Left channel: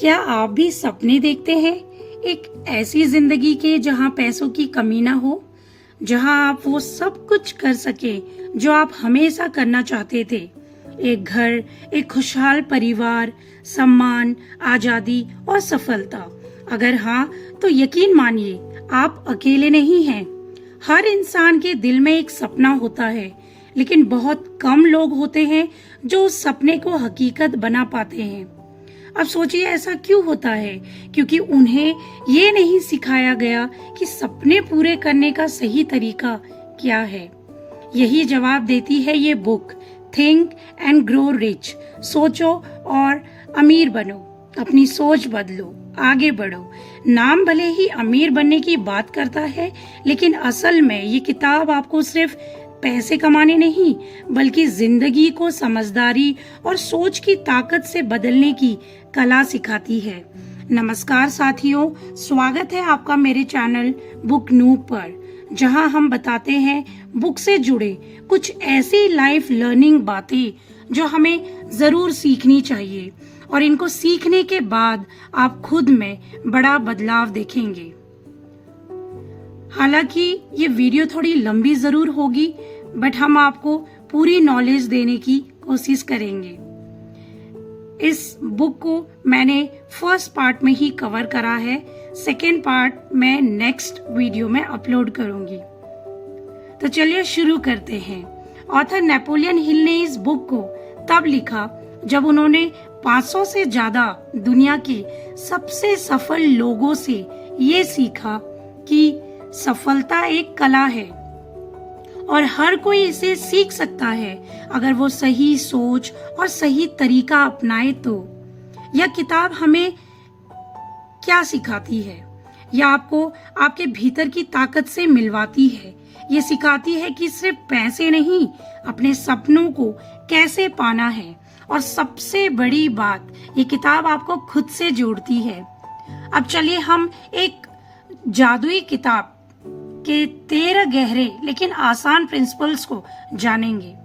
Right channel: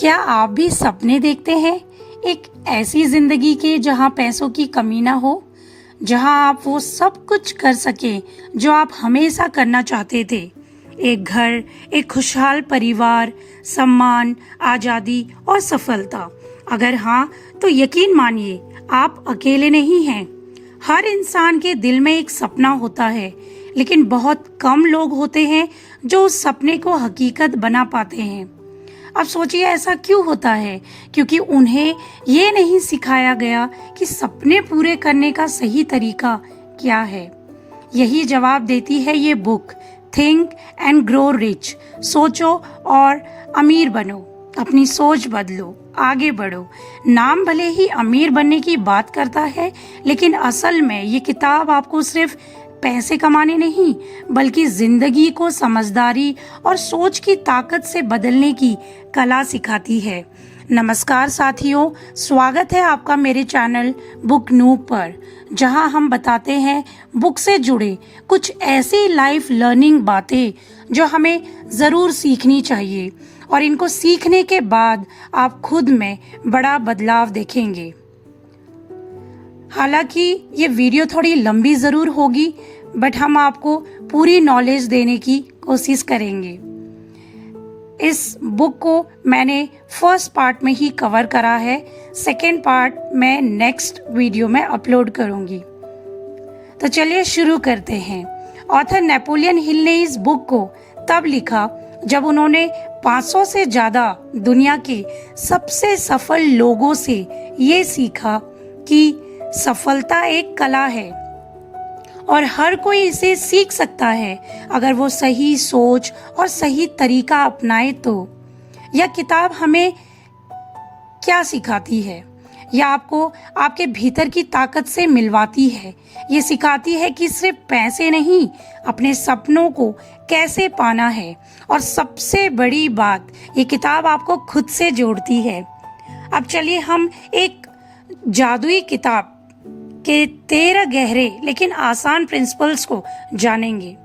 क्या आप भी सपने देखते हैं एक ऐसी जिंदगी के जहां पैसों की कमी ना हो, जहां आप वो सब कुछ कर सकें जो आप हमेशा करना चाहते थे? एक घर, एक खुशहाल परिवार, सम्मान, आजादी और सफलता। अगर हाँ, तो यकीन मानिए आप अकेले नहीं हैं। हर इंसान के दिल में एक सपना होता है, लेकिन बहुत कम लोग होते हैं जो उस सपने को हकीकत बना पाते हैं। अब सोचिए ऐसा क्यों होता है? क्योंकि उन्हें ये नहीं सिखाया गया कि सपने पूरे करने का सही तरीका क्या है। यही जवाब देती है ये book, think and grow rich. सोचो और अमीर बनो, अपनी सोच बदलो, आगे बढ़ो। नाम भले ही अमीर बनने की बात करता है, लेकिन असल में ये किताब आपको सिर्फ पैसे कमाने नहीं, बल्कि जिंदगी को समझदारी और सोच की ताकत से बदलने की कला सिखाती है। नमस्कार साथियों, स्वागत है आपका मेरे चैनल बुक नूब पर, जहां हम बताते हैं बुक से जुड़े कुछ ऐसी लाइफ लर्निंग बातें जो हमें जरूर सीखनी चाहिए, और इनको सीखने के बाद आप खुद में बड़ा बदलाव देखेंगे। हालांकि ये वीडियो थोड़ी लंबी जरूर होगी, बट हम आपको पूरी नॉलेज देने की कोशिश करेंगे। इस बुक को मैंने फर्स्ट पार्ट में ही कवर करा है, सेकेंड पार्ट मैं नेक्स्ट वीडियो में अपलोड करूंगी। तो चलिए शुरू करते हैं। ऑथर नेपोलियन हिल ने इस बुक को तब लिखा जब उन्होंने 500 से ज्यादा दुनिया के सबसे सफल लोगों से ये सीखा कि सफलता एक कला है और हर कोई इसे सीख सकता है अगर वो सही सोच और सही तरीका अपनाए। तो यह किताब हमें क्या सिखाती है? यह आपको आपके भीतर की ताकत से मिलवाती है। ये सिखाती है कि सिर्फ पैसे नहीं, अपने सपनों को कैसे पाना है, और सबसे बड़ी बात, ये किताब आपको खुद से जोड़ती है। अब चलिए हम एक जादुई किताब के 13 गहरे लेकिन आसान प्रिंसिपल्स को जानेंगे,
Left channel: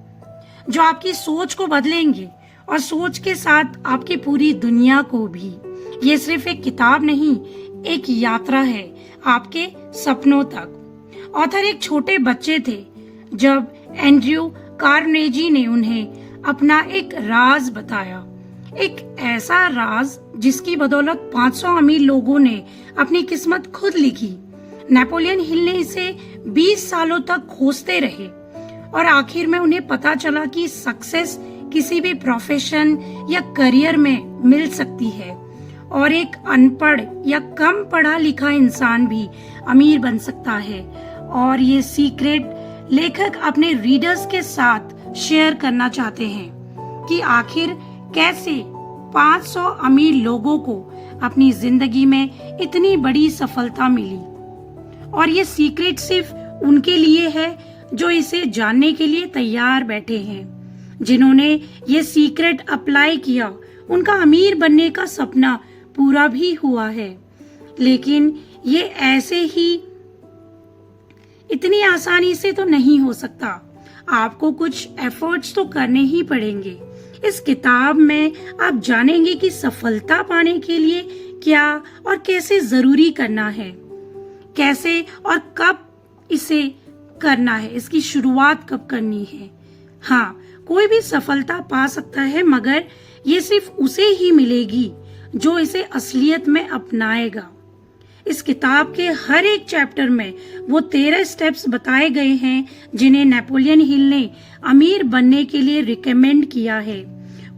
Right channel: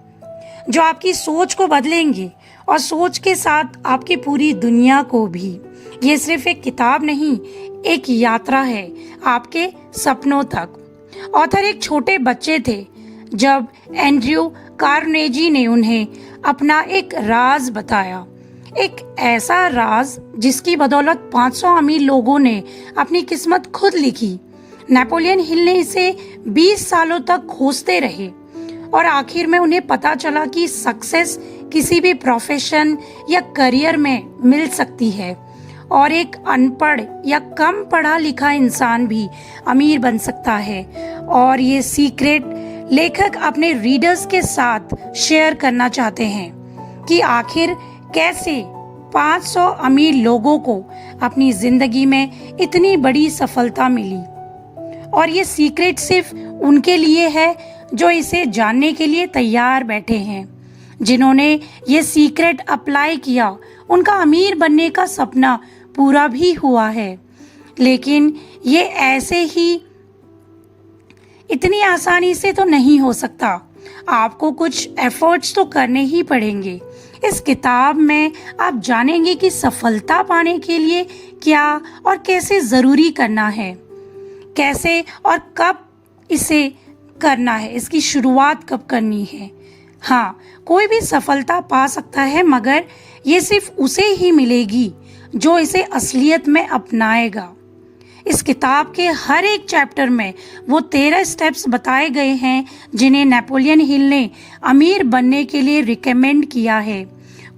जो आपकी सोच को बदलेंगे और सोच के साथ आपकी पूरी दुनिया को भी। ये सिर्फ एक किताब नहीं, एक यात्रा है आपके सपनों तक। ऑथर एक छोटे बच्चे थे जब एंड्रयू कार्नेगी ने उन्हें अपना एक राज बताया, एक ऐसा राज जिसकी बदौलत 500 अमीर लोगों ने अपनी किस्मत खुद लिखी। नेपोलियन हिल ने इसे 20 सालों तक खोजते रहे और आखिर में उन्हें पता चला कि सक्सेस किसी भी प्रोफेशन या करियर में मिल सकती है, और एक अनपढ़ या कम पढ़ा लिखा इंसान भी अमीर बन सकता है। और ये सीक्रेट लेखक अपने रीडर्स के साथ शेयर करना चाहते हैं कि आखिर कैसे 500 अमीर लोगों को अपनी जिंदगी में इतनी बड़ी सफलता मिली। और ये सीक्रेट सिर्फ उनके लिए है जो इसे जानने के लिए तैयार बैठे हैं। जिन्होंने ये सीक्रेट अप्लाई किया, उनका अमीर बनने का सपना पूरा भी हुआ है। लेकिन ये ऐसे ही इतनी आसानी से तो नहीं हो सकता। आपको कुछ एफर्ट्स तो करने ही पड़ेंगे। इस किताब में आप जानेंगे कि सफलता पाने के लिए क्या और कैसे जरूरी करना है, कैसे और कब इसे करना है, इसकी शुरुआत कब करनी है। हाँ, कोई भी सफलता पा सकता है, मगर ये सिर्फ उसे ही मिलेगी जो इसे असलियत में अपनाएगा। इस किताब के हर एक चैप्टर में वो 13 स्टेप्स बताए गए हैं जिन्हें नेपोलियन हिल ने अमीर बनने के लिए रिकमेंड किया है।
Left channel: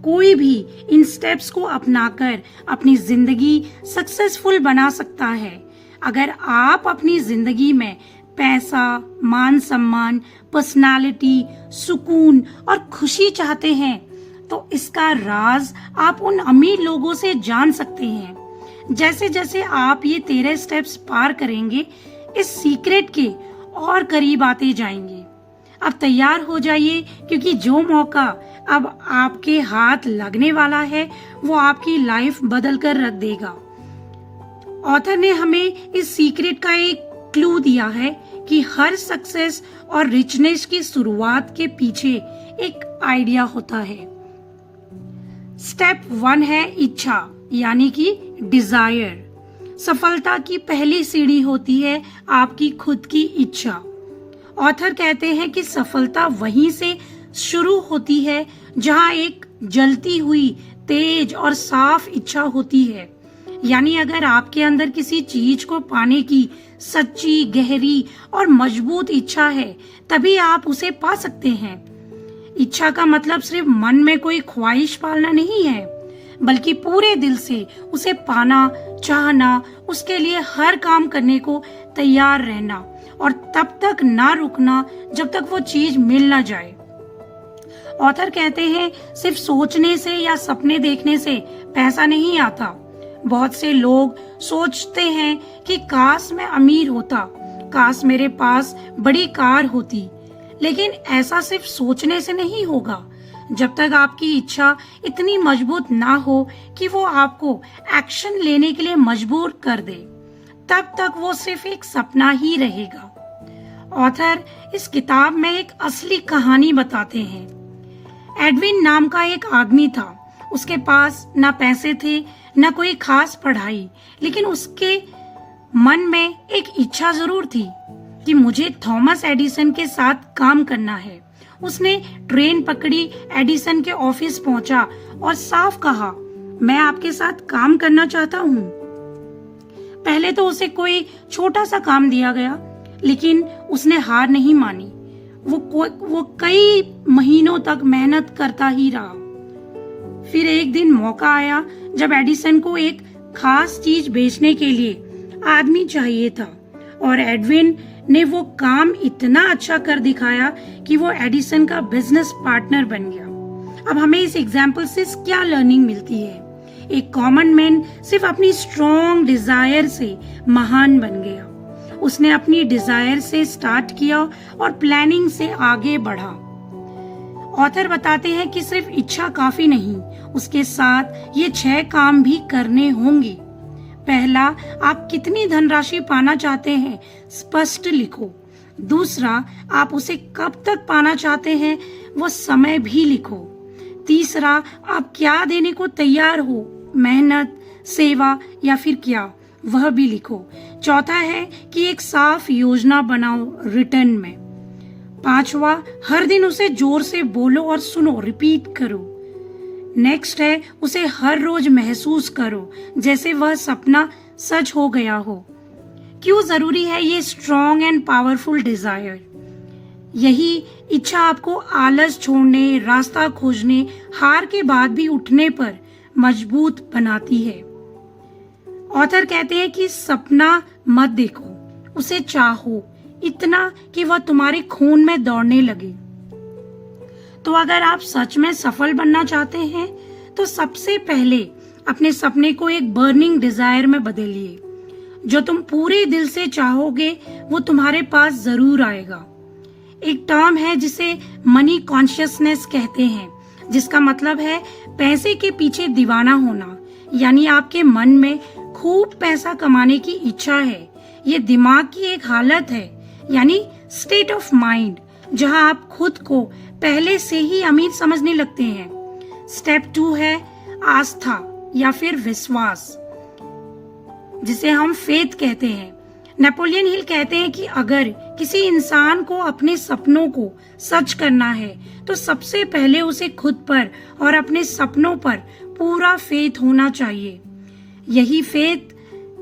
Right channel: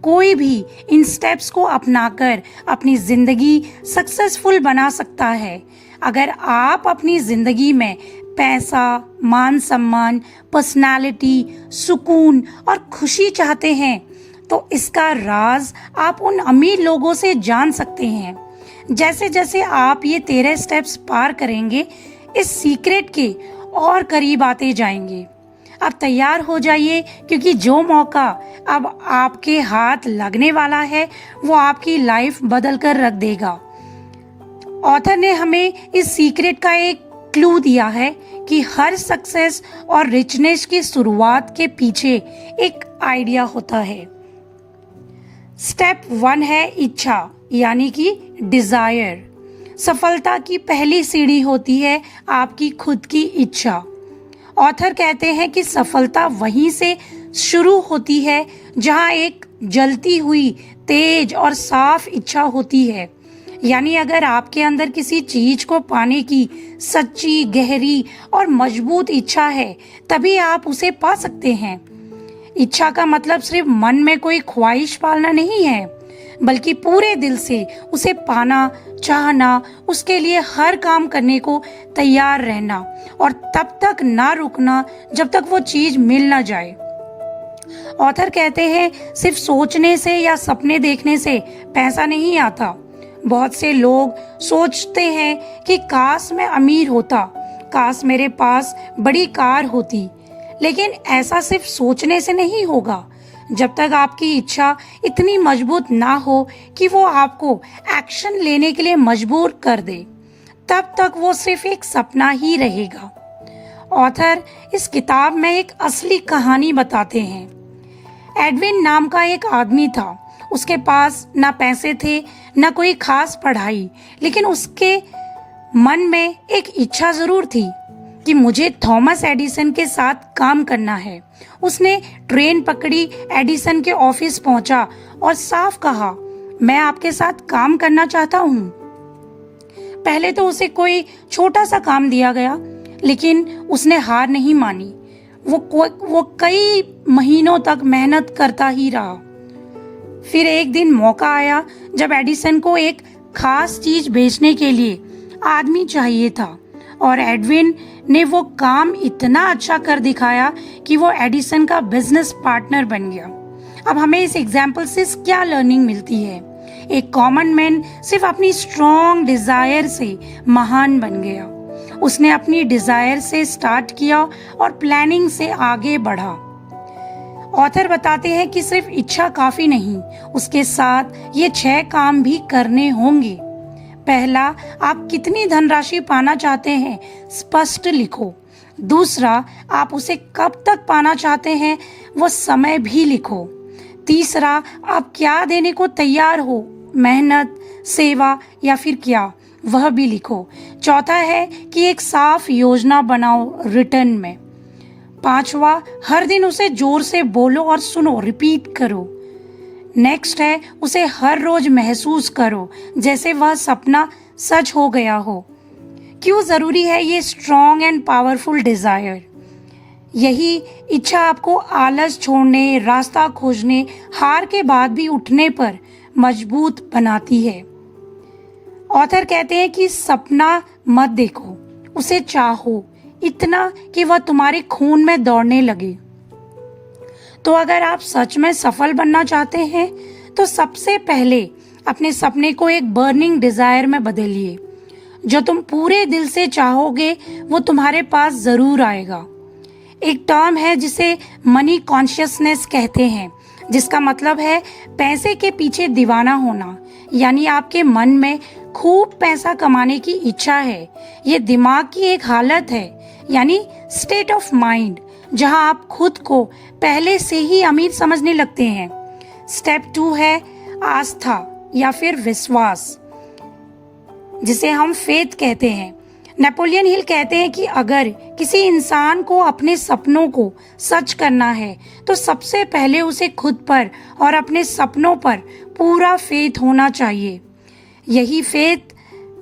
कोई भी इन स्टेप्स को अपनाकर अपनी जिंदगी सक्सेसफुल बना सकता है। अगर आप अपनी जिंदगी में पैसा, मान सम्मान, पर्सनालिटी, सुकून और खुशी चाहते हैं, तो इसका राज आप उन अमीर लोगों से जान सकते हैं। जैसे जैसे आप ये 13 स्टेप्स पार करेंगे, इस सीक्रेट के और करीब आते जाएंगे। अब तैयार हो जाइए, क्योंकि जो मौका अब आपके हाथ लगने वाला है, वो आपकी लाइफ बदल कर रख देगा। ऑथर ने हमें इस सीक्रेट का एक क्लू दिया है कि हर सक्सेस और रिचनेस की शुरुआत के पीछे एक आइडिया होता है। स्टेप 1 है इच्छा, यानी कि डिजायर। सफलता की पहली सीढ़ी होती है आपकी खुद की इच्छा। ऑथर कहते हैं कि सफलता वहीं से शुरू होती है जहां एक जलती हुई तेज और साफ इच्छा होती है। यानी अगर आपके अंदर किसी चीज को पाने की सच्ची, गहरी और मजबूत इच्छा है, तभी आप उसे पा सकते हैं। इच्छा का मतलब सिर्फ मन में कोई ख्वाहिश पालना नहीं है, बल्कि पूरे दिल से उसे पाना, चाहना, उसके लिए हर काम करने को तैयार रहना और तब तक ना रुकना जब तक वो चीज मिल ना जाए। ऑथर कहते हैं सिर्फ सोचने से या सपने देखने से पैसा नहीं आता। बहुत से लोग सोचते हैं कि काश मैं अमीर होता, काश मेरे पास बड़ी कार होती, लेकिन ऐसा सिर्फ सोचने से नहीं होगा। जब तक आपकी इच्छा इतनी मजबूत ना हो कि वो आपको एक्शन लेने के लिए मजबूर कर दे, तब तक वो सिर्फ एक सपना ही रहेगा। ऑथर इस किताब में एक असली कहानी बताते हैं। एडविन नाम का एक आदमी था। उसके पास ना पैसे थे, ना कोई खास पढ़ाई, लेकिन उसके मन में एक इच्छा जरूर थी कि मुझे थॉमस एडिसन के साथ काम करना है। उसने ट्रेन पकड़ी, एडिसन के ऑफिस पहुंचा और साफ कहा, मैं आपके साथ काम करना चाहता हूँ। पहले तो उसे कोई छोटा सा काम दिया गया, लेकिन उसने हार नहीं मानी। वो कई महीनों तक मेहनत करता ही रहा। फिर एक दिन मौका आया जब एडिसन को एक खास चीज बेचने के लिए आदमी चाहिए था और एडविन ने वो काम इतना अच्छा कर दिखाया कि वो एडिसन का बिजनेस पार्टनर बन गया। अब हमें इस एग्जाम्पल से क्या लर्निंग मिलती है? एक कॉमन मैन सिर्फ अपनी स्ट्रॉन्ग डिजायर से महान बन गया। उसने अपनी डिजायर से स्टार्ट किया और प्लानिंग से आगे बढ़ा। ऑथर बताते हैं कि सिर्फ इच्छा काफी नहीं, उसके साथ ये 6 काम भी करने होंगे। पहला, आप कितनी धनराशि पाना चाहते हैं स्पष्ट लिखो। दूसरा, आप उसे कब तक पाना चाहते हैं वो समय भी लिखो। तीसरा, आप क्या देने को तैयार हो, मेहनत, सेवा या फिर क्या, वह भी लिखो। चौथा है कि एक साफ योजना बनाओ रिटर्न में। पांचवा, हर दिन उसे जोर से बोलो और सुनो, रिपीट करो। नेक्स्ट है, उसे हर रोज महसूस करो जैसे वह सपना सच हो गया हो। क्यों जरूरी है ये स्ट्रॉन्ग एंड पावरफुल डिजायर? यही इच्छा आपको आलस छोड़ने, रास्ता खोजने, हार के बाद भी उठने पर मजबूत बनाती है। ऑथर कहते हैं कि सपना मत देखो, उसे चाहो इतना कि वह तुम्हारे खून में दौड़ने लगे। तो अगर आप सच में सफल बनना चाहते हैं तो सबसे पहले अपने सपने को एक बर्निंग डिजायर में बदलिए। जो तुम पूरे दिल से चाहोगे वो तुम्हारे पास जरूर आएगा। एक टर्म है जिसे मनी कॉन्शियसनेस कहते हैं, जिसका मतलब है पैसे के पीछे दीवाना होना। यानी आपके मन में खूब पैसा कमाने की इच्छा है। ये दिमाग की एक हालत है, यानी स्टेट ऑफ माइंड, जहां आप खुद को पहले से ही अमीर समझने लगते हैं। स्टेप 2 है आस्था या फिर विश्वास, जिसे हम फेथ कहते हैं। नेपोलियन हिल कहते हैं कि अगर किसी इंसान को अपने सपनों को सच करना है तो सबसे पहले उसे खुद पर और अपने सपनों पर पूरा फेथ होना चाहिए। यही फेथ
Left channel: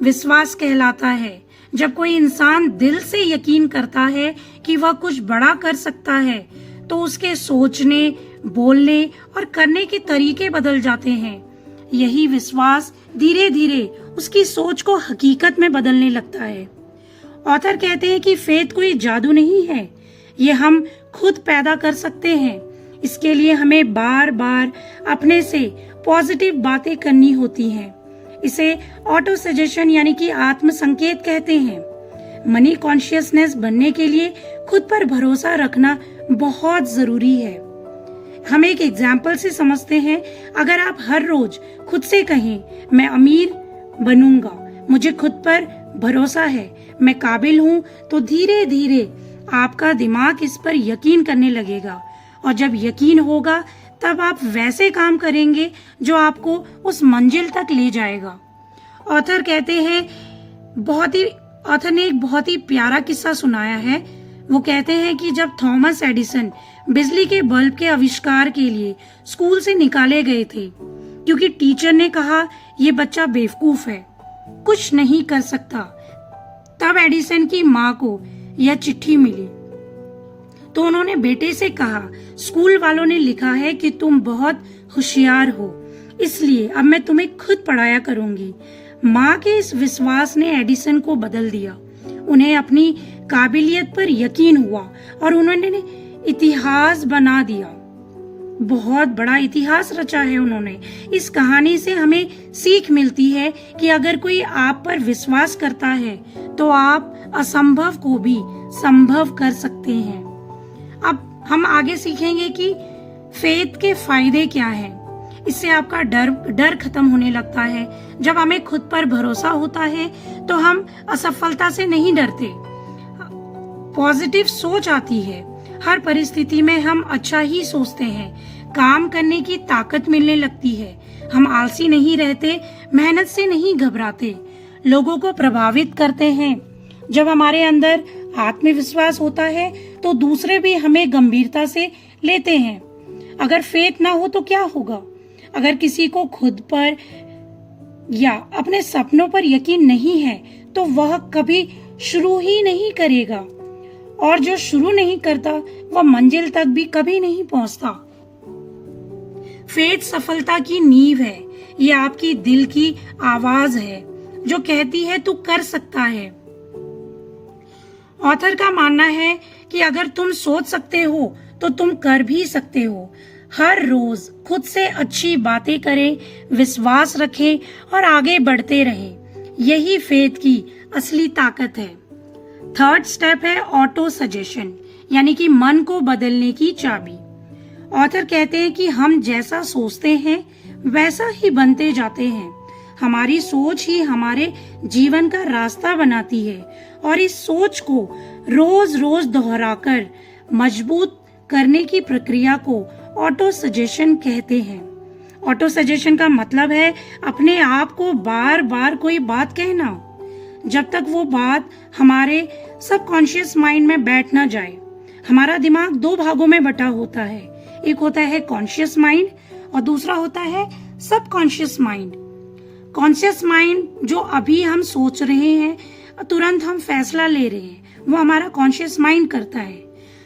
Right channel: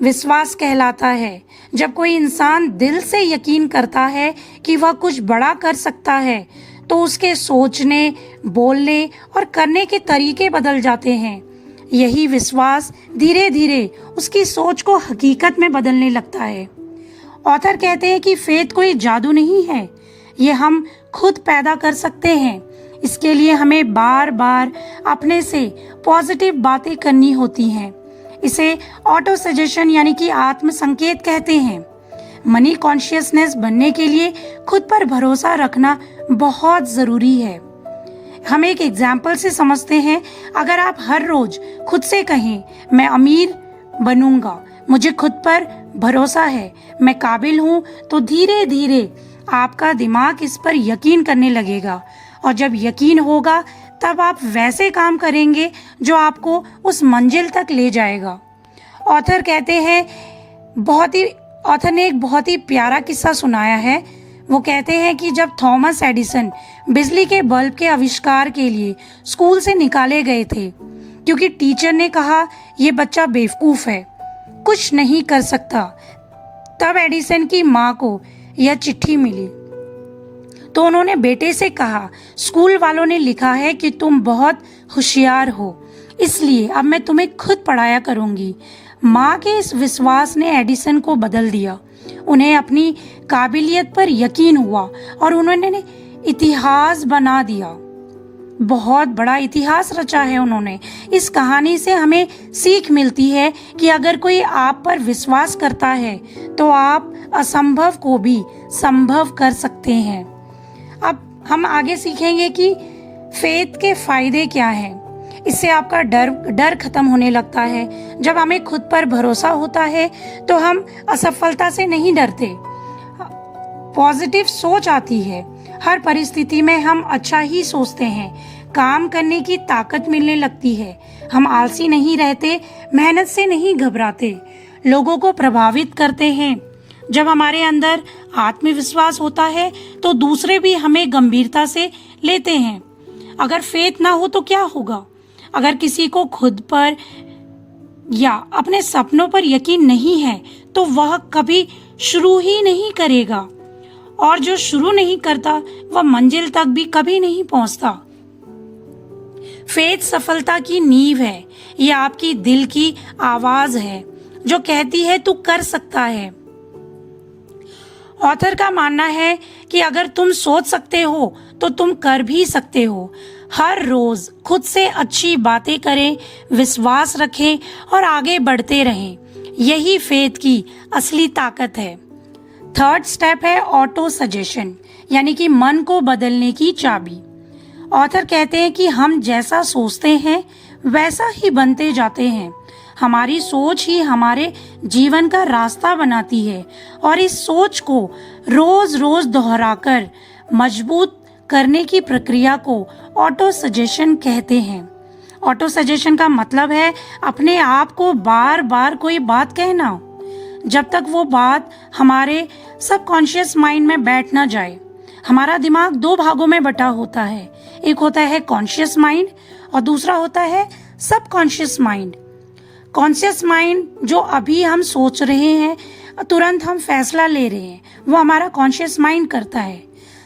विश्वास कहलाता है। जब कोई इंसान दिल से यकीन करता है कि वह कुछ बड़ा कर सकता है तो उसके सोचने, बोलने और करने के तरीके बदल जाते हैं। यही विश्वास धीरे धीरे उसकी सोच को हकीकत में बदलने लगता है। ऑथर कहते हैं कि फेथ कोई जादू नहीं है, ये हम खुद पैदा कर सकते हैं। इसके लिए हमें बार बार अपने से पॉजिटिव बातें करनी होती हैं। इसे ऑटो सजेशन यानी कि आत्म संकेत कहते हैं। मनी कॉन्शियसनेस बनने के लिए खुद पर भरोसा रखना बहुत जरूरी है। हम एक एग्जाम्पल से समझते हैं। अगर आप हर रोज खुद से कहें, मैं अमीर बनूंगा, मुझे खुद पर भरोसा है, मैं काबिल हूँ, तो धीरे धीरे आपका दिमाग इस पर यकीन करने लगेगा। और जब यकीन होगा तब आप वैसे काम करेंगे जो आपको उस मंजिल तक ले जाएगा। ऑथर कहते हैं ऑथर ने एक बहुत ही प्यारा किस्सा सुनाया है। वो कहते हैं कि जब थॉमस एडिसन बिजली के बल्ब के आविष्कार के लिए स्कूल से निकाले गए थे, क्योंकि टीचर ने कहा ये बच्चा बेवकूफ है, कुछ नहीं कर सकता, तब एडिसन की माँ को यह चिट्ठी मिली। तो उन्होंने बेटे से कहा, स्कूल वालों ने लिखा है कि तुम बहुत होशियार हो, इसलिए अब मैं तुम्हें खुद पढ़ाया करूंगी। माँ के इस विश्वास ने एडिसन को बदल दिया। उन्हें अपनी काबिलियत पर यकीन हुआ और उन्होंने इतिहास बना दिया। बहुत बड़ा इतिहास रचा है उन्होंने। इस कहानी से हमें सीख मिलती है कि अगर कोई आप पर विश्वास करता है तो आप असंभव को भी संभव कर सकते हैं। अब हम आगे सीखेंगे कि फेथ के फायदे क्या हैं। इससे आपका डर खत्म होने लगता है। जब हमें खुद पर भरोसा होता है तो हम असफलता से नहीं डरते, पॉजिटिव सोच आती है। हर परिस्थिति में हम अच्छा ही सोचते हैं, काम करने की ताकत मिलने लगती है। हम आलसी नहीं रहते, मेहनत से नहीं घबराते, लोगों को प्रभावित करते हैं। जब हमारे अंदर आत्मविश्वास होता है तो दूसरे भी हमें गंभीरता से लेते हैं। अगर फेथ ना हो तो क्या होगा? अगर किसी को खुद पर या अपने सपनों पर यकीन नहीं है तो वह कभी शुरू ही नहीं करेगा, और जो शुरू नहीं करता वह मंजिल तक भी कभी नहीं पहुंचता। फेथ सफलता की नींव है। ये आपकी दिल की आवाज है जो कहती है तू कर सकता है। ऑथर का मानना है कि अगर तुम सोच सकते हो तो तुम कर भी सकते हो। हर रोज खुद से अच्छी बातें करें, विश्वास रखें और आगे बढ़ते रहें। यही फेथ की असली ताकत है। थर्ड स्टेप है ऑटो सजेशन, यानी कि मन को बदलने की चाबी। ऑथर कहते हैं कि हम जैसा सोचते हैं वैसा ही बनते जाते हैं। हमारी सोच ही हमारे जीवन का रास्ता बनाती है और इस सोच को रोज रोज दोहराकर मजबूत करने की प्रक्रिया को ऑटो सजेशन कहते हैं। ऑटो सजेशन का मतलब है अपने आप को बार बार कोई बात कहना जब तक वो बात हमारे सबकॉन्शियस माइंड में बैठ ना जाए। हमारा दिमाग दो भागों में बटा होता है, एक होता है कॉन्शियस माइंड और दूसरा होता है सबकॉन्शियस माइंड। कॉन्शियस माइंड जो अभी हम सोच रहे हैं, तुरंत हम फैसला ले रहे हैं, वो हमारा कॉन्शियस माइंड करता है।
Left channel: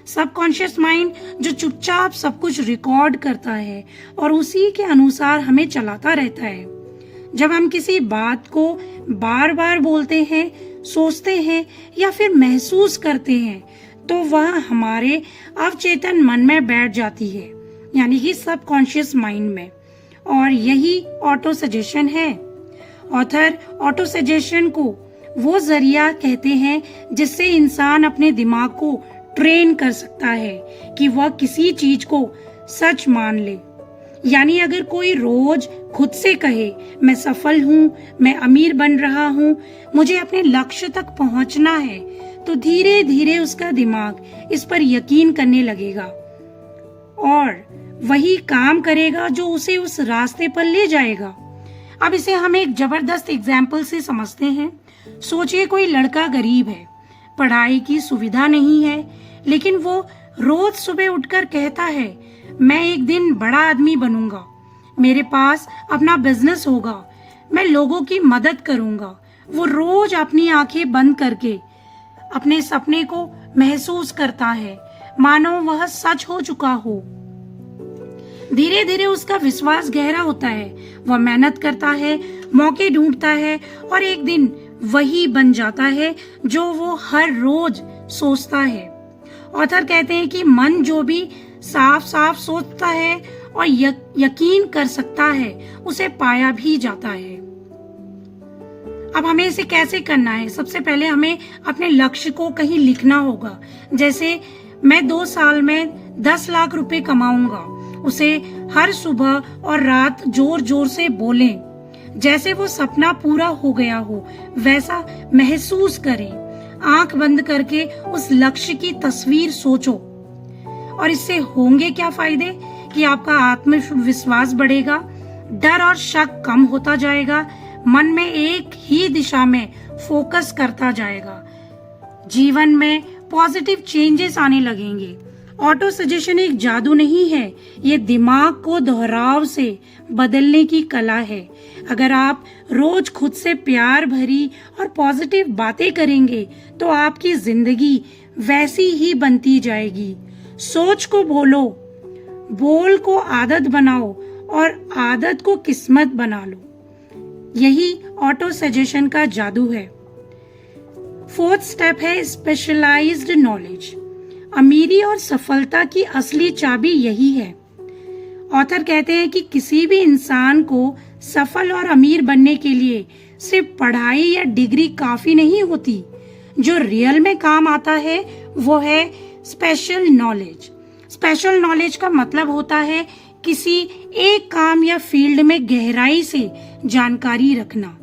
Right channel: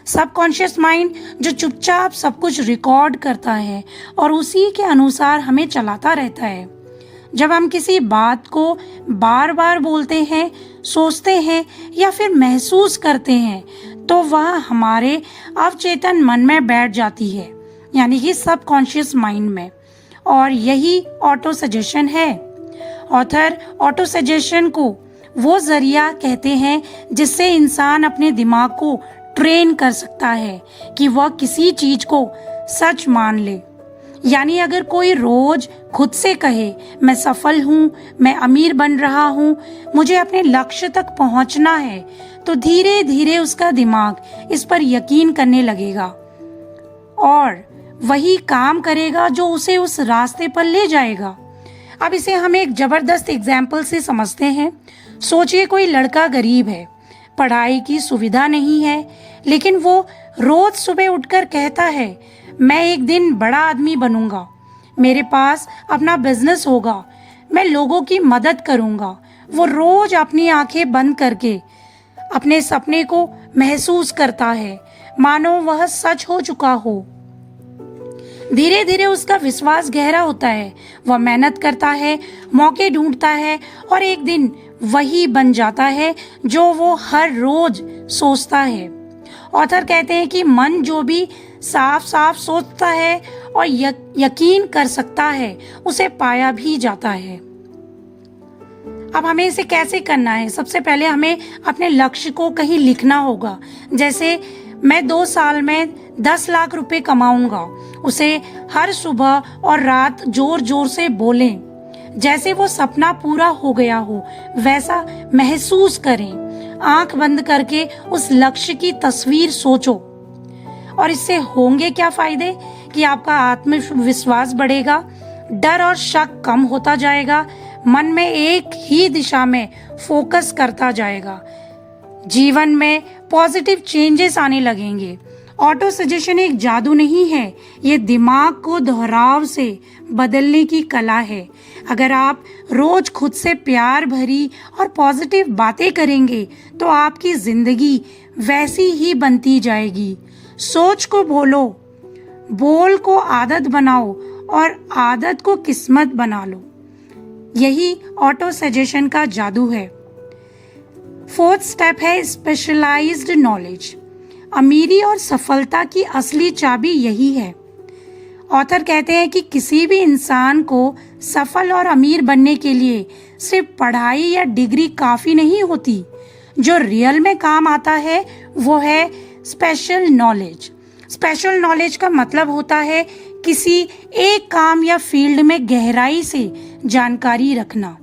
सबकॉन्शियस माइंड जो चुपचाप सब कुछ रिकॉर्ड करता है और उसी के अनुसार हमें चलाता रहता है। जब हम किसी बात को बार बार बोलते हैं, सोचते हैं या फिर महसूस करते हैं तो वह हमारे अवचेतन मन में बैठ जाती है, यानी कि सबकॉन्शियस माइंड में, और यही ऑटो सजेशन है। ऑथर ऑटो सजेशन को वो जरिया कहते हैं जिससे इंसान अपने दिमाग को ट्रेन कर सकता है कि वह किसी चीज को सच मान ले। यानी अगर कोई रोज खुद से कहे मैं सफल हूँ, मैं अमीर बन रहा हूँ, मुझे अपने लक्ष्य तक पहुँचना है, तो धीरे धीरे उसका दिमाग इस पर यकीन करने लगेगा और वही काम करेगा जो उसे उस रास्ते पर ले जाएगा। अब इसे हम एक जबरदस्त एग्जाम्पल से समझते हैं। सोचिए कोई लड़का गरीब है, पढ़ाई की सुविधा नहीं है, लेकिन वो रोज सुबह उठकर कहता है मैं एक दिन बड़ा आदमी बनूंगा, मेरे पास अपना बिजनेस होगा, मैं लोगों की मदद करूंगा। वो रोज अपनी आंखें बंद करके अपने सपने को महसूस करता है मानो वह सच हो चुका हो। धीरे धीरे उसका विश्वास गहरा होता है, वह मेहनत करता है, मौके ढूंढता है और एक दिन वही बन जाता है जो वो हर रोज सोचता है। ऑथर कहते हैं कि मन जो भी साफ साफ सोचता है और यकीन कर सकता है उसे पाया भी जाता है। अब हमें इसे कैसे करना है? सबसे पहले हमें अपने लक्ष्य को कहीं लिखना होगा। जैसे मैं 2 साल में 10 लाख रुपए कमाऊंगा, उसे हर सुबह और रात जोर जोर से बोलें। जैसे वो सपना पूरा हो गया हो वैसा महसूस करें। आंख बंद करके उस लक्ष्य की तस्वीर सोचो। और इससे होंगे क्या फायदे कि आपका आत्मविश्वास बढ़ेगा, डर और शक कम होता जाएगा, मन में एक ही दिशा में फोकस करता जाएगा। जीवन में पॉजिटिव चेंजेस आने लगेंगे। ऑटो सजेशन एक जादू नहीं है, ये दिमाग को दोहराव से बदलने की कला है। अगर आप रोज खुद से प्यार भरी और पॉजिटिव बातें करेंगे तो आपकी जिंदगी वैसी ही बनती जाएगी। सोच को बोलो, बोल को आदत बनाओ और आदत को किस्मत बना लो। यही ऑटो सजेशन का जादू है। फोर्थ स्टेप है स्पेशलाइज्ड नॉलेज। अमीरी और सफलता की असली चाबी यही है। ऑथर कहते हैं कि किसी भी इंसान को सफल और अमीर बनने के लिए सिर्फ पढ़ाई या डिग्री काफी नहीं होती। जो रियल में काम आता है वो है स्पेशल नॉलेज। स्पेशल नॉलेज का मतलब होता है किसी एक काम या फील्ड में गहराई से जानकारी रखना।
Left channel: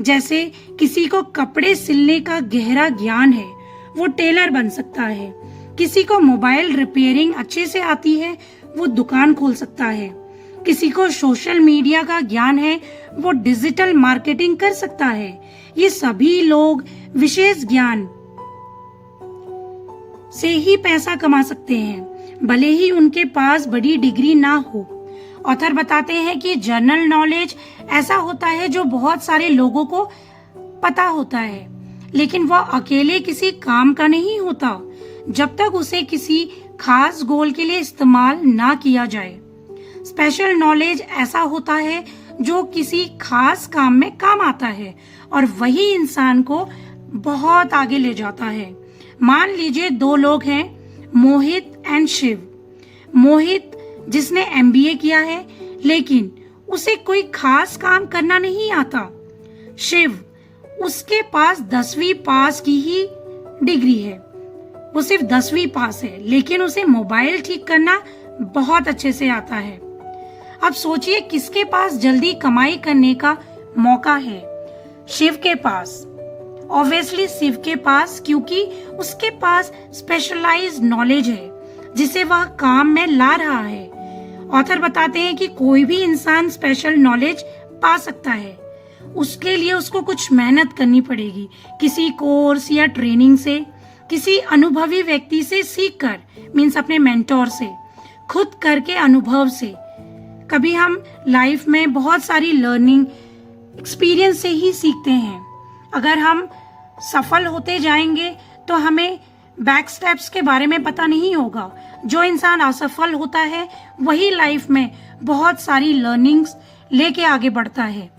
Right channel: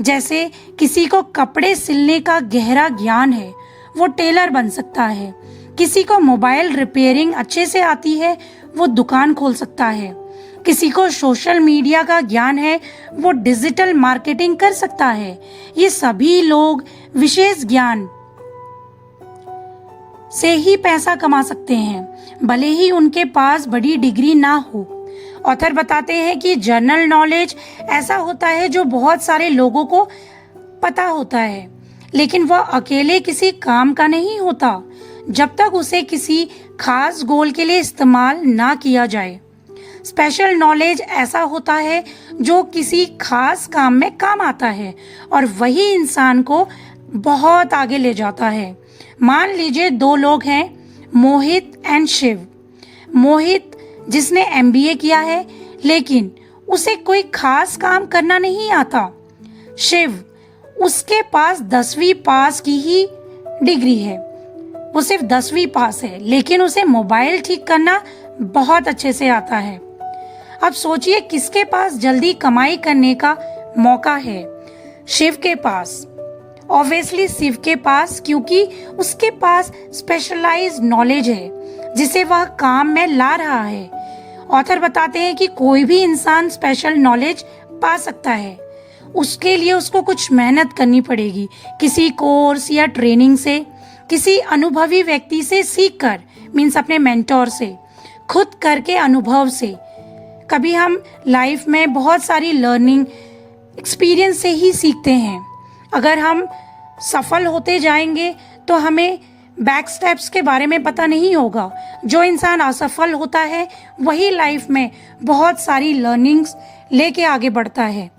जैसे किसी को कपड़े सिलने का गहरा ज्ञान है, वो टेलर बन सकता है। किसी को मोबाइल रिपेयरिंग अच्छे से आती है, वो दुकान खोल सकता है। किसी को सोशल मीडिया का ज्ञान है, वो डिजिटल मार्केटिंग कर सकता है। ये सभी लोग विशेष ज्ञान से ही पैसा कमा सकते हैं, भले ही उनके पास बड़ी डिग्री ना हो। ऑथर बताते हैं कि जनरल नॉलेज ऐसा होता है जो बहुत सारे लोगों को पता होता है, लेकिन वह अकेले किसी काम का नहीं होता जब तक उसे किसी खास गोल के लिए इस्तेमाल ना किया जाए। स्पेशल नॉलेज ऐसा होता है जो किसी खास काम में काम आता है और वही इंसान को बहुत आगे ले जाता है। मान लीजिए दो लोग हैं, मोहित एंड शिव। मोहित जिसने एमबीए किया है लेकिन उसे कोई खास काम करना नहीं आता। शिव, उसके पास 10वीं पास की ही डिग्री है, वो सिर्फ 10वीं पास है, लेकिन उसे मोबाइल ठीक करना बहुत अच्छे से आता है। अब सोचिए किसके पास जल्दी कमाई करने का मौका है? शिव के पास। ऑब्वियसली शिव के पास, क्योंकि उसके पास स्पेशलाइज्ड नॉलेज है जिसे वह काम में ला रहा है। ऑथर बताते हैं कि कोई भी इंसान स्पेशल नॉलेज पा सकता है, उसके लिए उसको कुछ मेहनत करनी पड़ेगी। किसी कोर्स या ट्रेनिंग से, किसी अनुभवी व्यक्ति से सीख कर, मीन्स अपने मेंटोर से, खुद करके अनुभव से। कभी हम लाइफ में बहुत सारी लर्निंग एक्सपीरियंस से ही सीखते हैं। अगर हम सफल होते जाएंगे तो हमें बैक स्टेप्स के बारे में पता नहीं होगा। जो इंसान असफल होता है वही लाइफ में बहुत सारी लर्निंग्स लेके आगे बढ़ता है।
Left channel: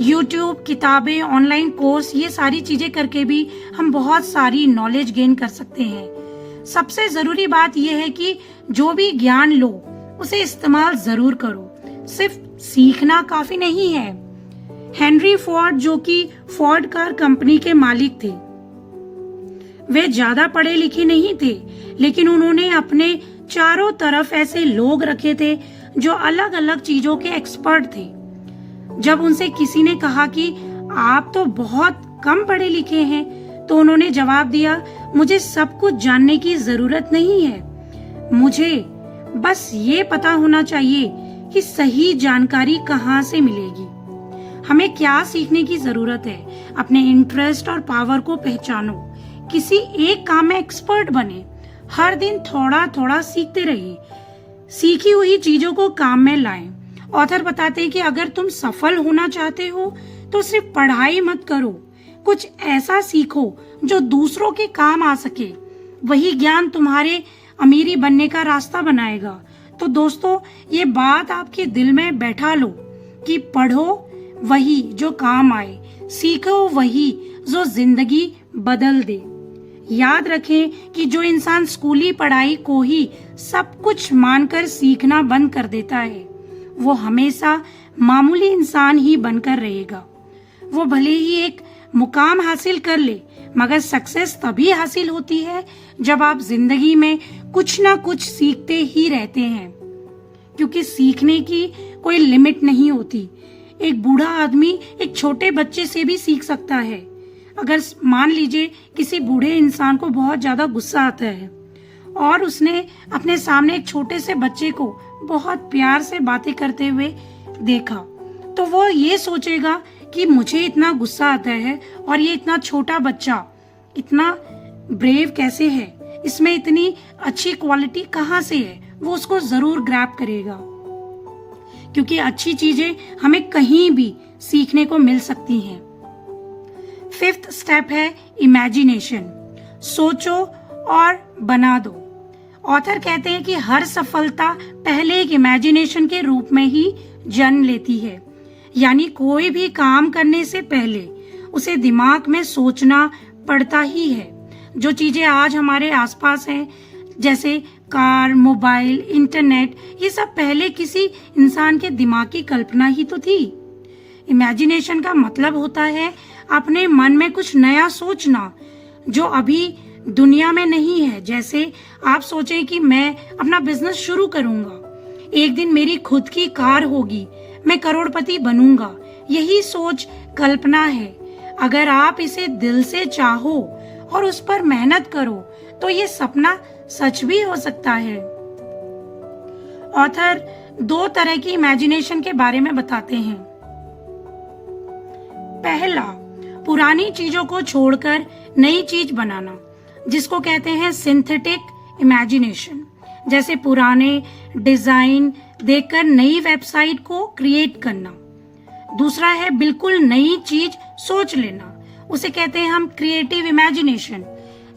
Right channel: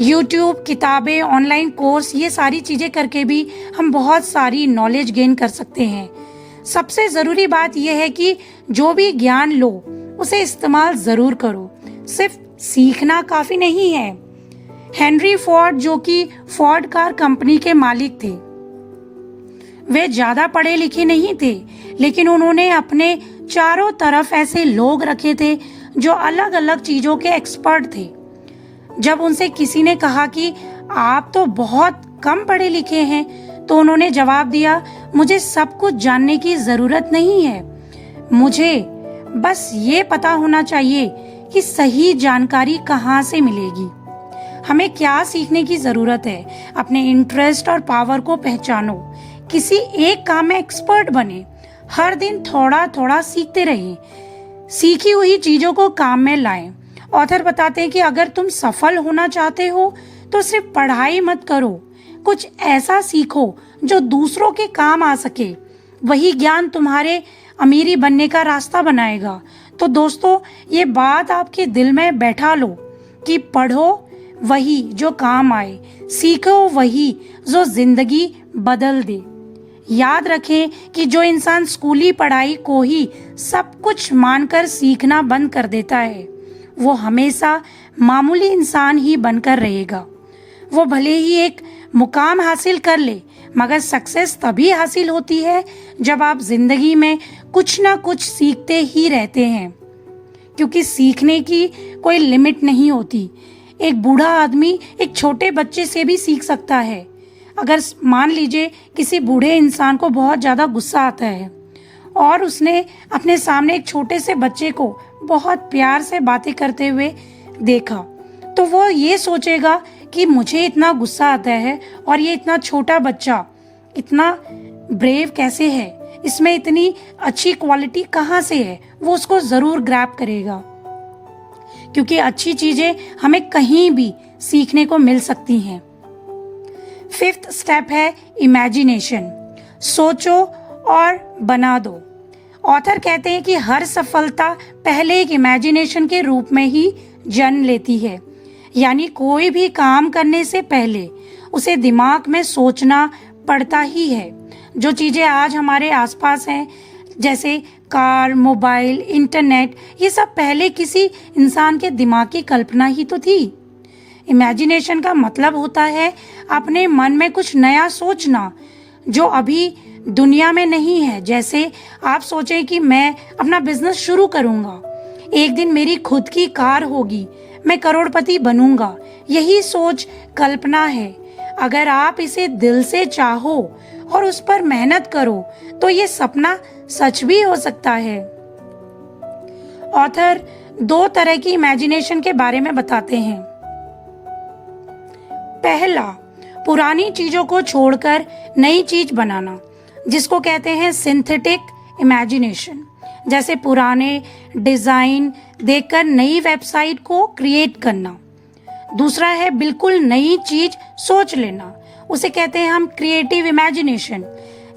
यूट्यूब, किताबें, ऑनलाइन कोर्स, ये सारी चीजें करके भी हम बहुत सारी नॉलेज गेन कर सकते हैं। सबसे जरूरी बात यह है कि जो भी ज्ञान लो उसे इस्तेमाल जरूर करो, सिर्फ सीखना काफी नहीं है। हेनरी फोर्ड, जो कि फोर्ड कार कंपनी के मालिक थे, वे ज्यादा पढ़े लिखे नहीं थे, लेकिन उन्होंने अपने चारों तरफ ऐसे लोग रखे थे जो अलग अलग चीजों के एक्सपर्ट थे। जब उनसे किसी ने कहा कि आप तो बहुत कम पढ़े लिखे हैं, तो उन्होंने जवाब दिया, मुझे सब कुछ जानने की जरूरत नहीं है, मुझे बस ये पता होना चाहिए कि सही जानकारी कहाँ से मिलेगी। हमें क्या सीखने की जरूरत है? अपने इंटरेस्ट और पावर को पहचानो, किसी एक काम में एक्सपर्ट बने, हर दिन थोड़ा थोड़ा सीखते रहिए, सीखी हुई चीजों को काम में लाएं। ऑथर बताते हैं कि अगर तुम सफल होना चाहते हो तो सिर्फ पढ़ाई मत करो, कुछ ऐसा सीखो जो दूसरों के काम आ सके। वही ज्ञान तुम्हारे अमीरी बनने का रास्ता बनाएगा। तो दोस्तों, ये बात आपके दिल में बैठा लो कि पढ़ो वही जो काम आए, सीखो वही जो जिंदगी बदल दे। याद रखें कि जो इंसान स्कूली पढ़ाई को ही सब कुछ मानकर सीखना बंद कर देता है, वो हमेशा मामूली इंसान ही बनकर रहेगा। वो भले ही एक मुकाम हासिल कर ले, मगर सक्सेस तभी हासिल होती है जब आप जिंदगी में कुछ ना कुछ सीखते ही रहते हैं, क्योंकि सीखने की कोई लिमिट नहीं होती। एक बूढ़ा आदमी एक छोटे बच्चे से भी सीख सकता है। अगर मान लीजिए किसी बूढ़े इंसान को बहुत ज्यादा गुस्सा आता है और उसने अपने सामने एक छोटे से बच्चे को बहुत प्यार से बातें करते हुए देखा, तो वो ये सोचेगा कि मुझे इतना गुस्सा आता है और ये इतना छोटा बच्चा इतना ब्रेव कैसे है, इसमें इतनी अच्छी क्वालिटी कहाँ से है, वो उसको जरूर ग्रैब करेगा, क्योंकि अच्छी चीजें हमें कहीं भी सीखने को मिल सकती हैं। 5th स्टेप है इमेजिनेशन। सोचो और बना दो। ऑथर कहते हैं कि हर सफलता पहले एक इमेजिनेशन के रूप में ही जन्म लेती है, यानी कोई भी काम करने से पहले उसे दिमाग में सोचना पड़ता ही है। जो चीजें आज हमारे आसपास हैं, जैसे कार, मोबाइल, इंटरनेट, ये सब पहले किसी इंसान के दिमाग की कल्पना ही तो थी। इमेजिनेशन का मतलब होता है अपने मन में कुछ नया सोचना जो अभी दुनिया में नहीं है। जैसे आप सोचें कि मैं अपना बिजनेस शुरू करूंगा, एक दिन मेरी खुद की कार होगी, मैं करोड़पति बनूंगा। यही सोच कल्पना है। अगर आप इसे दिल से चाहो और उस पर मेहनत करो तो ये सपना सच भी हो सकता है। ऑथर 2 तरह की इमेजिनेशन के बारे में बताते हैं। पहला, पुरानी चीजों को छोड़कर नई चीज बनाना, जिसको कहते हैं सिंथेटिक इमेजिनेशन। जैसे पुराने डिजाइन देखकर नई वेबसाइट को क्रिएट करना। दूसरा है बिल्कुल नई चीज सोच लेना, उसे कहते हैं हम क्रिएटिव इमेजिनेशन।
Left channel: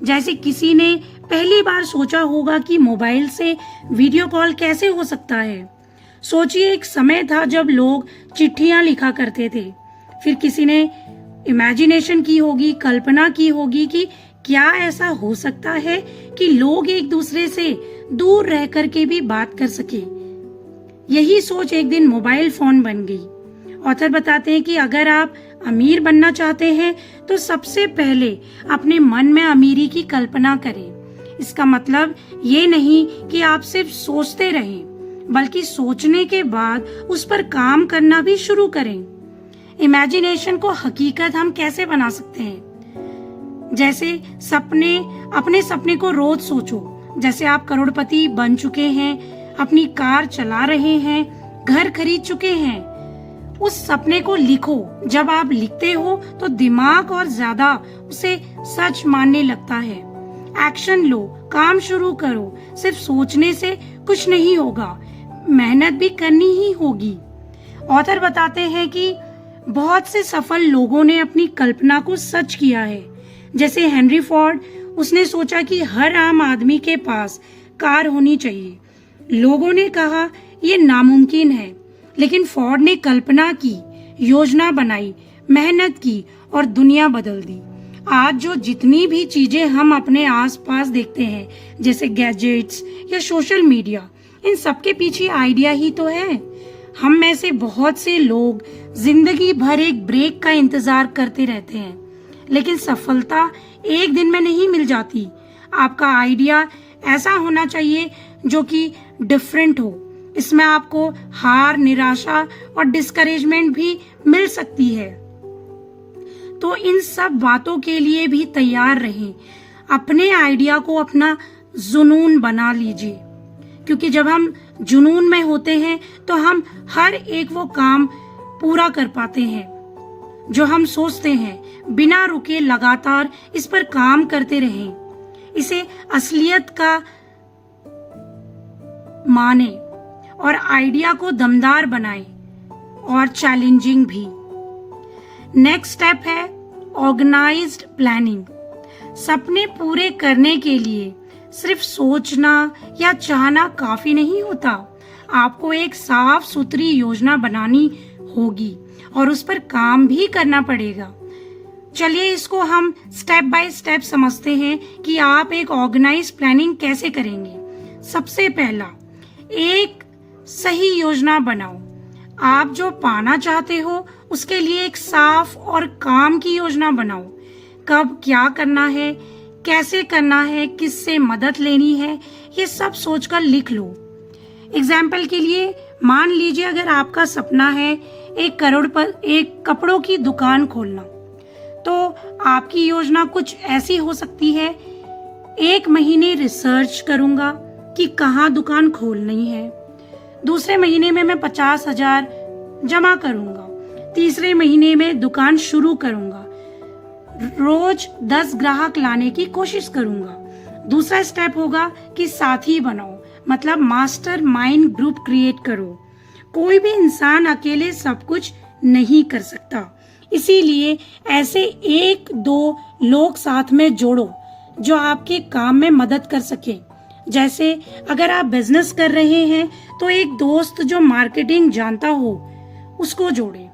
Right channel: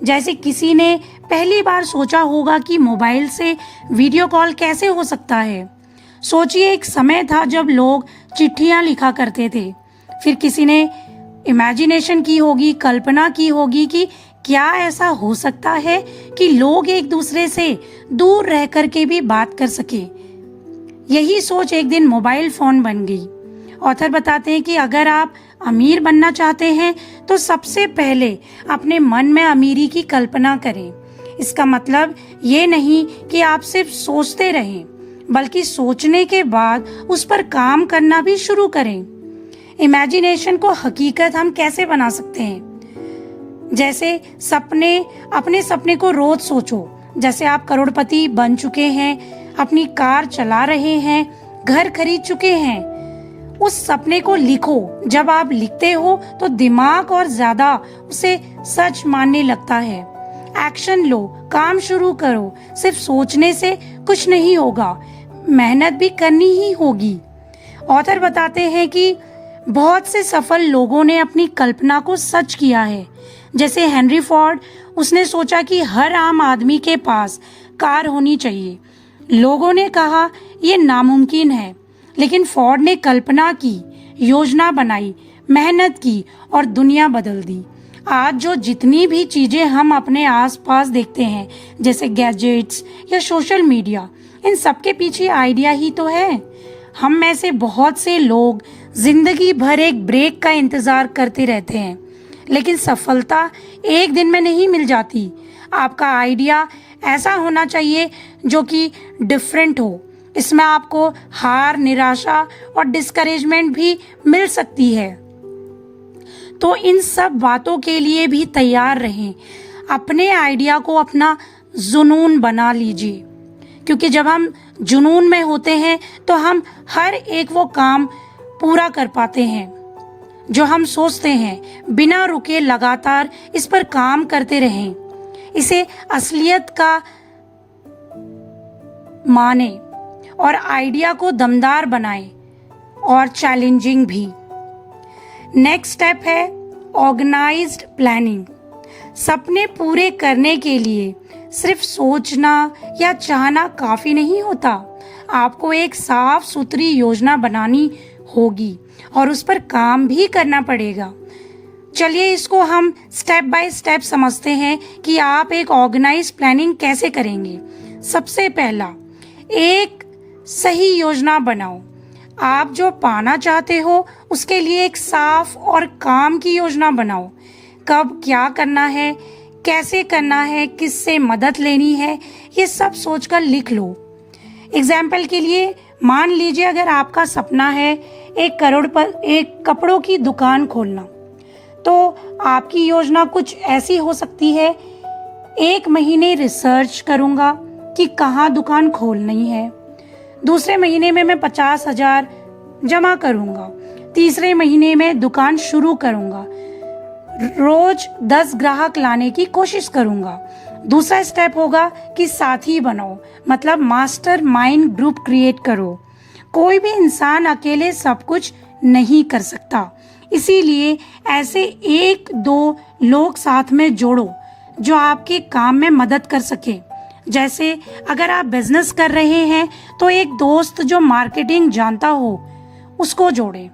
जैसे किसी ने पहली बार सोचा होगा कि मोबाइल से वीडियो कॉल कैसे हो सकता है। सोचिए, एक समय था जब लोग चिट्ठियां लिखा करते थे, फिर किसी ने इमेजिनेशन की होगी, कल्पना की होगी कि क्या ऐसा हो सकता है कि लोग एक दूसरे से दूर रह कर के भी बात कर सके। यही सोच एक दिन मोबाइल फोन बन गई। ऑथर बताते हैं कि अगर आप अमीर बनना चाहते हैं तो सबसे पहले अपने मन में अमीरी की कल्पना करें। इसका मतलब ये नहीं कि आप सिर्फ सोचते रहें, बल्कि सोचने के बाद उस पर काम करना भी शुरू करें। इमेजिनेशन को हकीकत हम कैसे बना सकते हैं? जैसे अपने सपने को रोज सोचो। जैसे आप करोड़पति बन चुके हैं, अपनी कार चला रहे हैं, घर खरीद चुके हैं, उस सपने को लिखो। जब आप लिखते हो तो दिमाग और ज्यादा उसे सच मानने लगता है। एक्शन लो, काम शुरू करो। सिर्फ सोचने से कुछ नहीं होगा, मेहनत भी करनी ही होगी। ऑथर बताते हैं कि बहुत से सफल लोगों ने अपनी कल्पना को सच किया है। जैसे हेनरी फोर्ड, उसने सोचा कि हर आम आदमी के पास कार होनी चाहिए। लोगों ने कहा ये नामुमकिन है, लेकिन फोर्ड ने कल्पना की, योजना बनाई, मेहनत की और दुनिया बदल दी। आज जो जितनी भी चीजें हम अपने आसपास देखते हैं, जैसे गैजेट्स या सोशल मीडिया, इन सब के पीछे आइडिया ही तो है। हम में से बहुत से लोग जिंदगी भर एक ब्रेक का इंतजार करते रहते हैं, लेकिन सफलता एक दिन में नहीं मिल जाती। आपका आइडिया ऐसा होना चाहिए जो कि डिफरेंट हो। इसमें आपको हार, निराशा और डिस्करेजमेंट भी मिल सकती है। तो इन सब बातों के लिए भी तैयार रहें। अपने आइडिया को अपना जुनून बना लीजिए, क्योंकि जब हम जुनून में होते हैं तो हम हर एक वो काम पूरा कर पाते हैं जो हम सोचते हैं। बिना रुके लगातार इस पर काम करते रहें। इसे असलियत का माने और आइडिया को दमदार बनाए और चैलेंजिंग भी। नेक्स्ट स्टेप है ऑर्गेनाइज्ड प्लानिंग। सपने पूरे करने के लिए सिर्फ सोचना या चाहना काफी नहीं होता। आपको एक साफ सुथरी योजना बनानी होगी और उस पर काम भी करना पड़ेगा। चलिए इसको हम स्टेप बाय स्टेप समझते हैं कि आप एक ऑर्गेनाइज प्लानिंग कैसे करेंगे। सबसे पहला, एक सही योजना बनाओ। आप जो पाना चाहते हो उसके लिए एक साफ और काम की योजना बनाओ। कब क्या करना है, कैसे करना है, किससे मदद लेनी है, ये सब सोचकर लिख लो। एग्जाम्पल के लिए मान लीजिए अगर आपका सपना है एक कपड़ों की दुकान खोलना, तो आपकी योजना कुछ ऐसी हो सकती है। 1 महीने रिसर्च करूंगा कि कहाँ दुकान खोलनी है। दूसरे महीने में मैं 50,000 जमा करूंगा। तीसरे महीने में दुकान शुरू करूंगा। रोज 10 ग्राहक लाने की कोशिश करूंगा। दूसरा स्टेप होगा कि साथी बनाओ, मतलब मास्टर माइंड ग्रुप क्रिएट करो। कोई भी इंसान अकेले सब कुछ नहीं कर सकता, इसीलिए ऐसे 1-2 लोग साथ में जोड़ो जो आपके काम में मदद कर सके। जैसे अगर आप बिजनेस कर रहे हैं तो एक दोस्त जो मार्केटिंग जानता हो उसको जोड़े,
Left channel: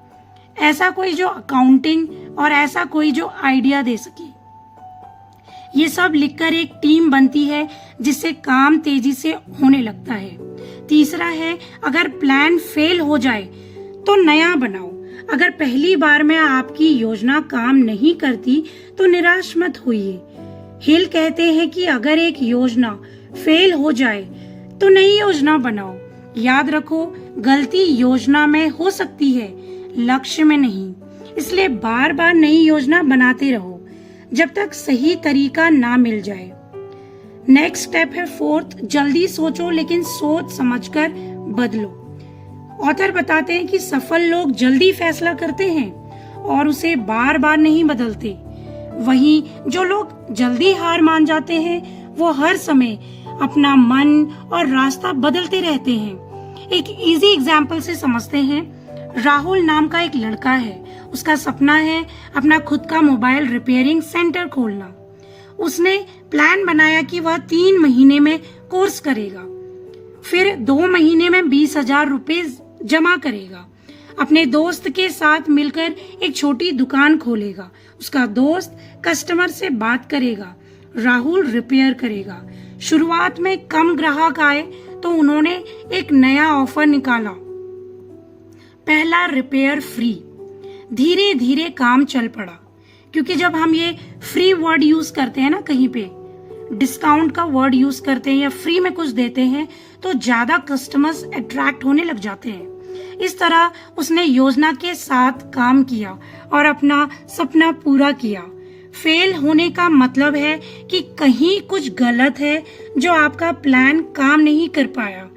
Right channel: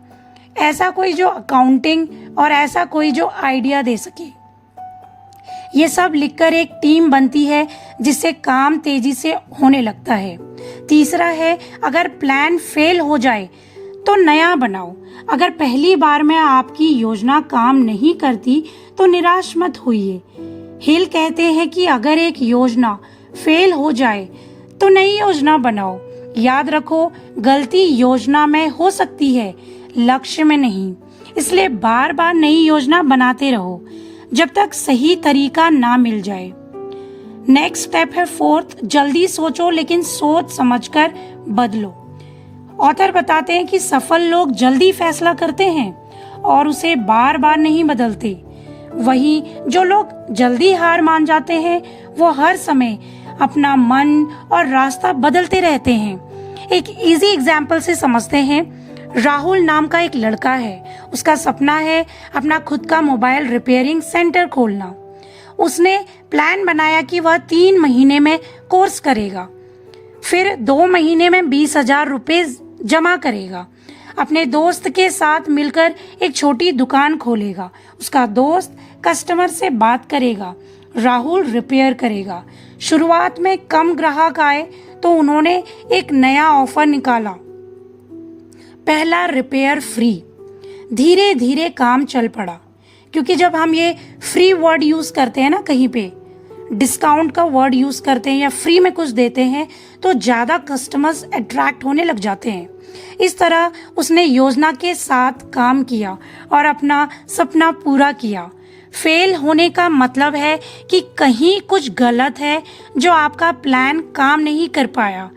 ऐसा कोई जो अकाउंटिंग, और ऐसा कोई जो आइडिया दे सके। ये सब लिखकर एक टीम बनती है जिससे काम तेजी से होने लगता है। तीसरा है, अगर प्लान फेल हो जाए तो नया बनाओ। अगर पहली बार में आपकी योजना काम नहीं करती तो निराश मत होइए। हिल कहते हैं कि अगर एक योजना फेल हो जाए तो नई योजना बनाओ। याद रखो, गलती योजना में हो सकती है, लक्ष्य में नहीं। इसलिए बार बार नई योजना बनाते रहो जब तक सही तरीका ना मिल जाए। नेक्स्ट स्टेप है 4th, जल्दी सोचो लेकिन सोच समझकर बदलो। ऑथर बताते हैं कि सफल लोग जल्दी फैसला करते हैं और उसे बार बार नहीं बदलते। वही जो लोग जल्दी हार मान जाते हैं वो हर समय अपना मन और रास्ता बदलते रहते हैं। एक इजी एग्जाम्पल से समझते हैं। राहुल नाम का एक लड़का है, उसका सपना है अपना खुद का मोबाइल रिपेयरिंग सेंटर खोलना। उसने प्लान बनाया कि वह 3 महीने में कोर्स करेगा, फिर 2 महीने में 20,000 रुपए जमा करेगा। अपने दोस्त के साथ मिलकर एक छोटी दुकान खोलेगा। उसका दोस्त कस्टमर से बात करेगा, राहुल रिपेयर करेगा। शुरुआत में कम ग्राहक आए तो उन्होंने एक नया ऑफर निकाला, पहला रिपेयर फ्री। धीरे धीरे काम चल पड़ा, क्योंकि जब हम ये फ्री वर्ड यूज करते हैं ना, कहीं पे डिस्काउंट का वर्ड यूज करते हैं या फ्री में कुछ देते हैं तो ज्यादा कस्टमर्स अट्रैक्ट होने लग जाते हैं। इस तरह उसने योजना के साथ काम किया और अपना सपना पूरा किया। फेल होने का मतलब है कि कहीं कुछ गलत है, जो आपका प्लान काम नहीं कर पाया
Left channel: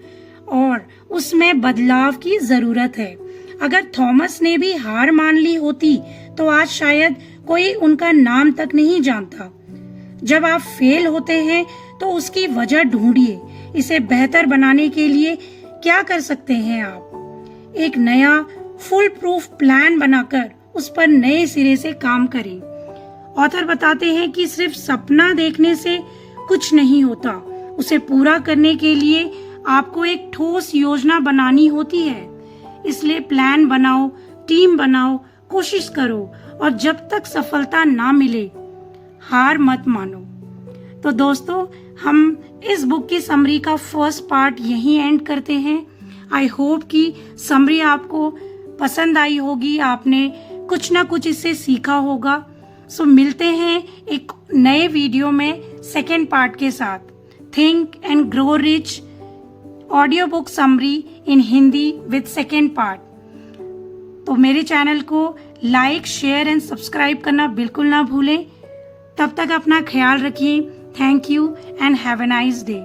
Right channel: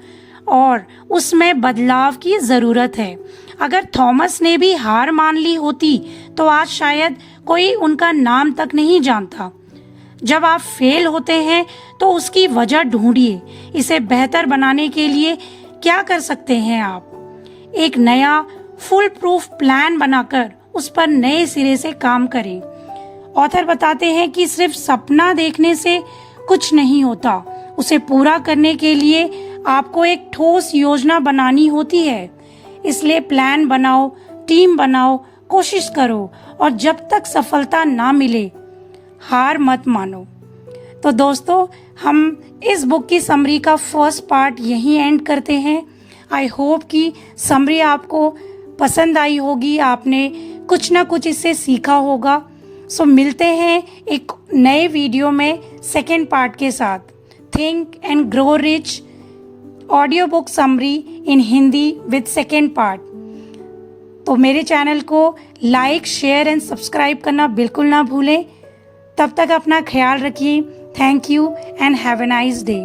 और उसमें बदलाव की जरूरत है। अगर थॉमस ने भी हार मान ली होती तो आज शायद कोई उनका नाम तक नहीं जानता। जब आप फेल होते हैं तो उसकी वजह ढूंढिए। इसे बेहतर बनाने के लिए क्या कर सकते हैं आप? एक नया फुल प्रूफ प्लान बनाकर उस पर नए सिरे से काम करें। ऑथर बताते हैं कि सिर्फ सपना देखने से कुछ नहीं होता, उसे पूरा करने के लिए आपको एक ठोस योजना बनानी होती है। इसलिए प्लान बनाओ, टीम बनाओ, कोशिश करो और जब तक सफलता ना मिले हार मत मानो। तो दोस्तों, हम इस बुक की समरी का फर्स्ट पार्ट यहीं एंड करते हैं। आई होप कि समरी आपको पसंद आई होगी, आपने कुछ ना कुछ इससे सीखा होगा। सो मिलते हैं एक नए वीडियो में सेकेंड पार्ट के साथ। Think and grow rich audio book summary in Hindi with second part. तो मेरे चैनल को लाइक, शेयर एंड सब्सक्राइब करना बिल्कुल ना भूलें। तब तक अपना ख्याल रखिए। Thank you and have a nice day.